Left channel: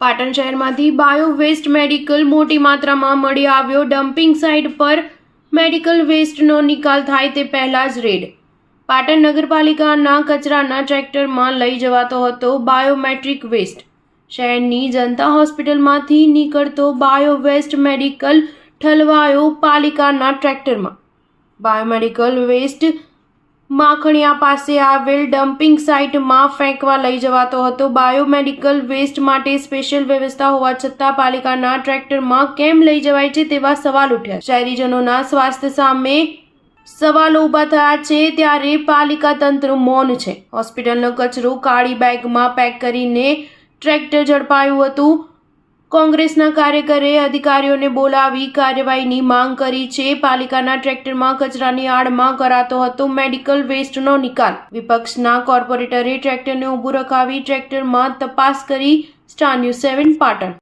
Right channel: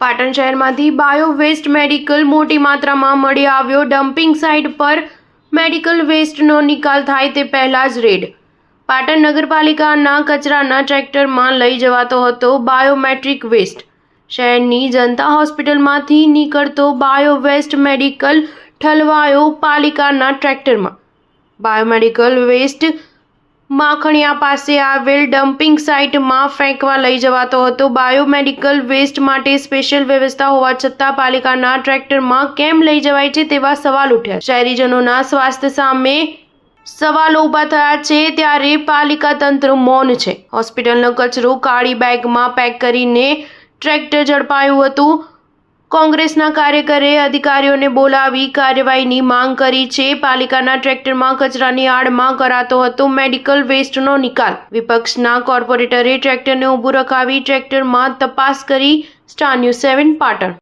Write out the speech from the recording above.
પાટણ શહેરમાંથી bio waste medical મોટી માત્રામાં મળી આવ્યો। ડમ્પિંગ સાઇટ પર મેડિકલ વેસ્ટનો નિકાલ થાય તે પહેલા જ રેડ। પાટણ નગરપાલિકાના કચરાના ટ્રેક્ટરમાં લઈ જવાતો હતો બાયોમેટ્રિક વેસ્ટ। શહેરની જનતા હોસ્પિટલમાંથી નીકળતો બાયો વેસ્ટ મેડિકલ ઠલવાયો પાલિકાના ટ્રેક્ટરમાં। બાયોમેડિકલ વેસ્ટ માખણિયા પાસે આવેલ ડમ્પિંગ સાઇટમાં ફેંકવા લઈ જવાતો હતો। બાયોમેડિકલ વેસ્ટ માટે સ્પેશિયલ વ્યવસ્થા હોવા છતાં પાલિકાના ટ્રેક્ટરમાં કેમ લઈ જવાય છે તેવા સવાલ ઉઠ્યા। શહેરીજનોના સ્વાસ્થ્ય સામે સવાલો ઊભા થયા છે ત્યારે પાલિકા તંત્ર મૌન છે। હોસ્પિટલનો કચરો કાળી બેગમાં પેક કરીને ટ્રેક્ટર ઝડપાયું હતું। કોંગ્રેસના કાર્યકરે અધિકારીઓને બોલાવી કાર્યવાહીની માંગ કરી છે। પાલિકાના ટ્રેક્ટરમાં કચરાની આડમાં કરાતો હતો મેડિકલ વેસ્ટનો નિકાલ। વિપક્ષના કોર્પોરેટરે ટ્રેક્ટરને ઊભું રખાવી ટ્રેક્ટરમાં તપાસ કરી। Star news 7 Patan.